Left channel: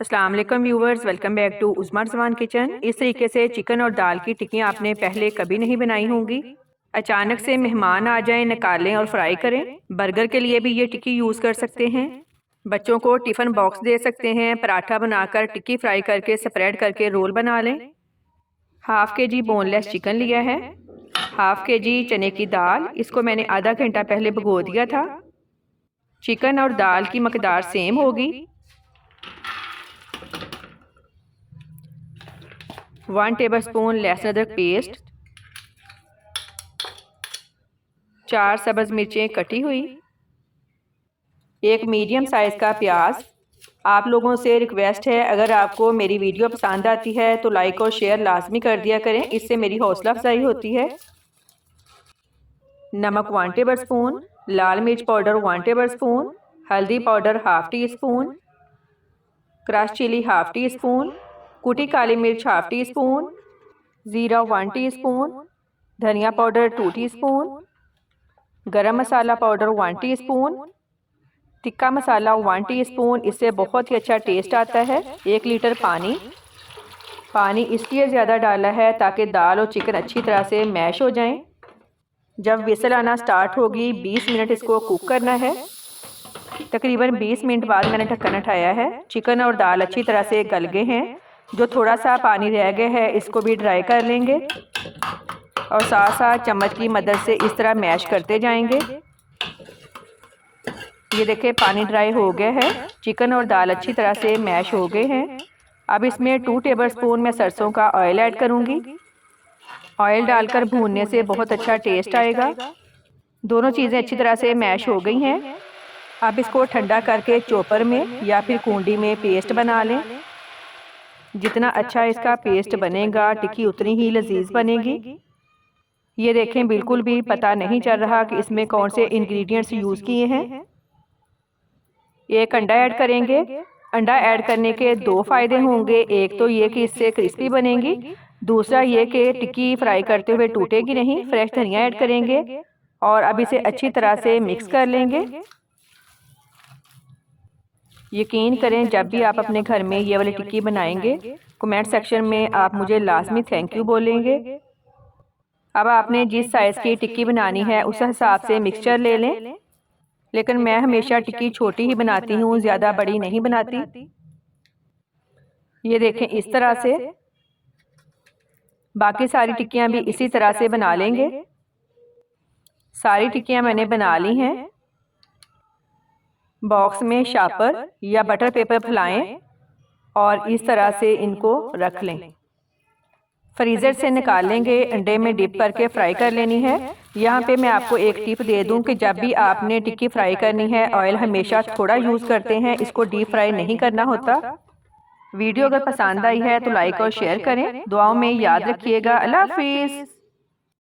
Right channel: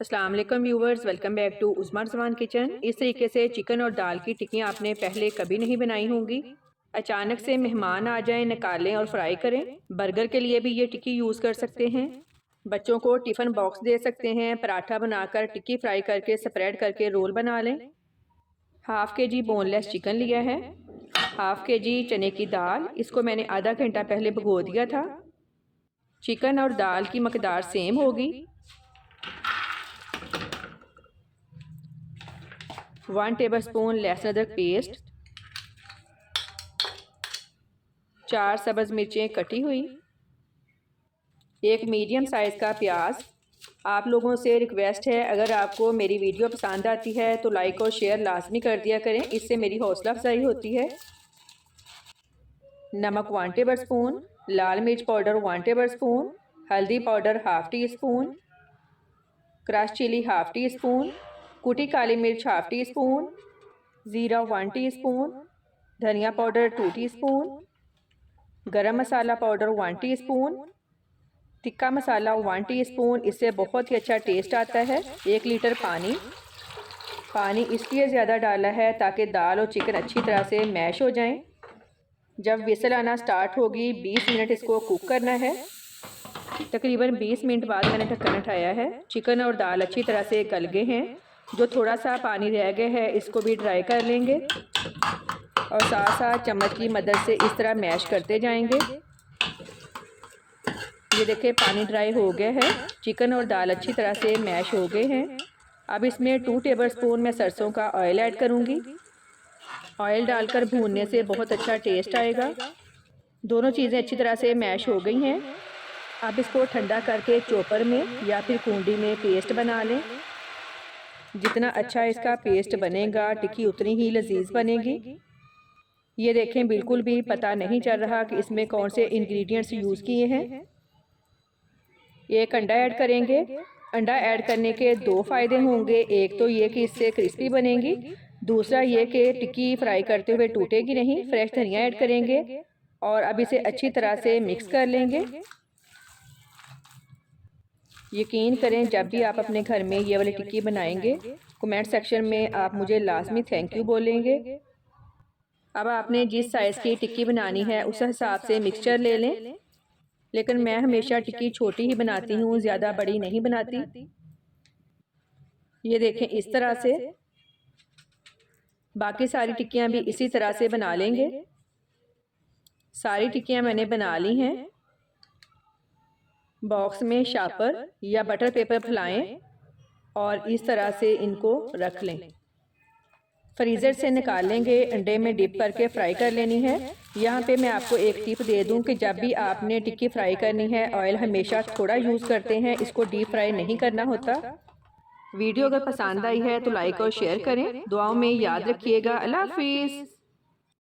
अस्सलाम वालेकुम viewers, welcome back to Usma Rizwan kitchen. इस तरीके से चिकन और दाल की टिक्कियाँ आपने पहले कभी नहीं बनाई होंगी। अचानक से मेहमान आ जाएं, निकालें और फ्राई करें। बर्गर के लिए भी ये टिक्की यूज़ कर सकते हैं। बच्चों को टिफ़िन बॉक्स दे सकते हैं। पराठा बनाकर टिक्की फ्राई करके स्प्रेड करके रोल बना लें। हाफ़ के जी बोनलेस चिकन लिया है। हाफ़ के जी चने की दाल, इसको मैंने आधा घंटा पहले भिगो दिया था। चिकन और दाल की मकदार सेम होगी। 1 टेबलस्पून लहसुन अदरक पेस्ट, 4 सब्ज़ मिर्चें कटी हुई, एक मीडियम साइज़ का प्याज। आप लोगों से रिक्वेस्ट है, अगर आपको मेरी वीडियो पसंद आती है तो लाइक और शेयर लाजमी कर दिया करें, इससे मेरी हौसला अफजाई होती है। नमक 1 टेबलस्पून, लाल मिर्च पाउडर 1 टेबलस्पून, हल्दी powder half teaspoon, crush chilli half teaspoon, कुटी काली मिर्च हाफ़ टी स्पून, ज़ीरा 1 टीस्पून, धनिया पाउडर 2 टीस्पून, गरम मसाला powder 1 teaspoon, tikka masala 1 teaspoon. इससे बहुत ही अच्छा टेस्ट आता है। 1 लीटर पानी इसलिए ज़्यादा डाला है ताकि दाल और चिकन अच्छी तरह से मैश हो जाएं। जब विसल आना स्टार्ट होगी 20 मिनट इसको कुक करना है। तकरीबन 20 मिनट बाद मैंने ढक्कन उठाया है। चिकन और दाल अच्छी तरह से गल गए हैं। जो थोड़ा सा पानी रह गया है इसको भी ड्राई कर लेंगे और साथ साथ चम्मच की मदद से इस तरह मैश करते जाएंगे। ये देखिए पानी ड्राई हो गया है। चिकन और दाल अच्छी तरह से मैश हो गए हैं। अब इसमें 2 टेबलस्पून मैं सरसों का ऑयल ऐड करूंगी। ऑयल डालकर भूनने से बहुत अच्छा टेस्ट आएगा। दोनों चीज़ें अच्छी तरह से मैश हो गई हैं। अब इसको ठंडा करके चॉपर में या फिर कूंडी में पेस्ट बना लें। जितना अच्छा इसका पेस्ट बनेगा टिक्की उतनी ही लजीज बनेगी। ये देखें बिल्कुल भी पता नहीं चल रहा कि इसमें कौन से इंग्रेडिएंट्स यूज़ किए हैं। एक अंडा ऐड करेंगे। अंडा ऐड करने के 2 फ़ायदे होंगे। एक तो ये कि इससे क्रिस्पी बनेगी, दूसरा ये कि टिक्की फ्राई करते हुए टूटेगी नहीं। फ्रेश धनिया ऐड करेंगे और अब इसे अच्छी तरह से मिक्स कर लेंगे। यकीन करें जब भी आप अपने घर में ये वाली टिक्की बनाएंगे कमेंट सेक्शन में आप मुझे लाजमी थैंक यू बोलेंगे। अब आपने जिस साइज़ की टिक्की बनानी है उस हिसाब से मिक्सचर ले लें, लेकिन मैं हमेशा टिक्की छोटी ही बनाती हूँ, ज़्यादा बड़ी नहीं बनाती। ये देखें इस तरह से। बाकी सारी टिक्कियाँ भी इसी तरह से बना लेंगे। सारी टिक्कियाँ मैंने बना ली हैं। बॉक्स में शापर या बटर पेपर फैलाएं और इस तरह से इनको रख लें। फ्रीज़र से निकाल लेंगे। अंडे में डिप करके फ्राई कर लेनी है। यहाँ पे मैं आपको एक टिप दे दूँ कि जब भी आपने टिक्की फ्राई करनी है ऑयल हमेशा थोड़ा यूज़ करते हैं, इसको डीप फ्राई नहीं करना होता। वीडियो अगर पसंद आई है तो लाइक और शेयर करें। दुआओं में याद रखिएगा। अल्लाह हाफिज़।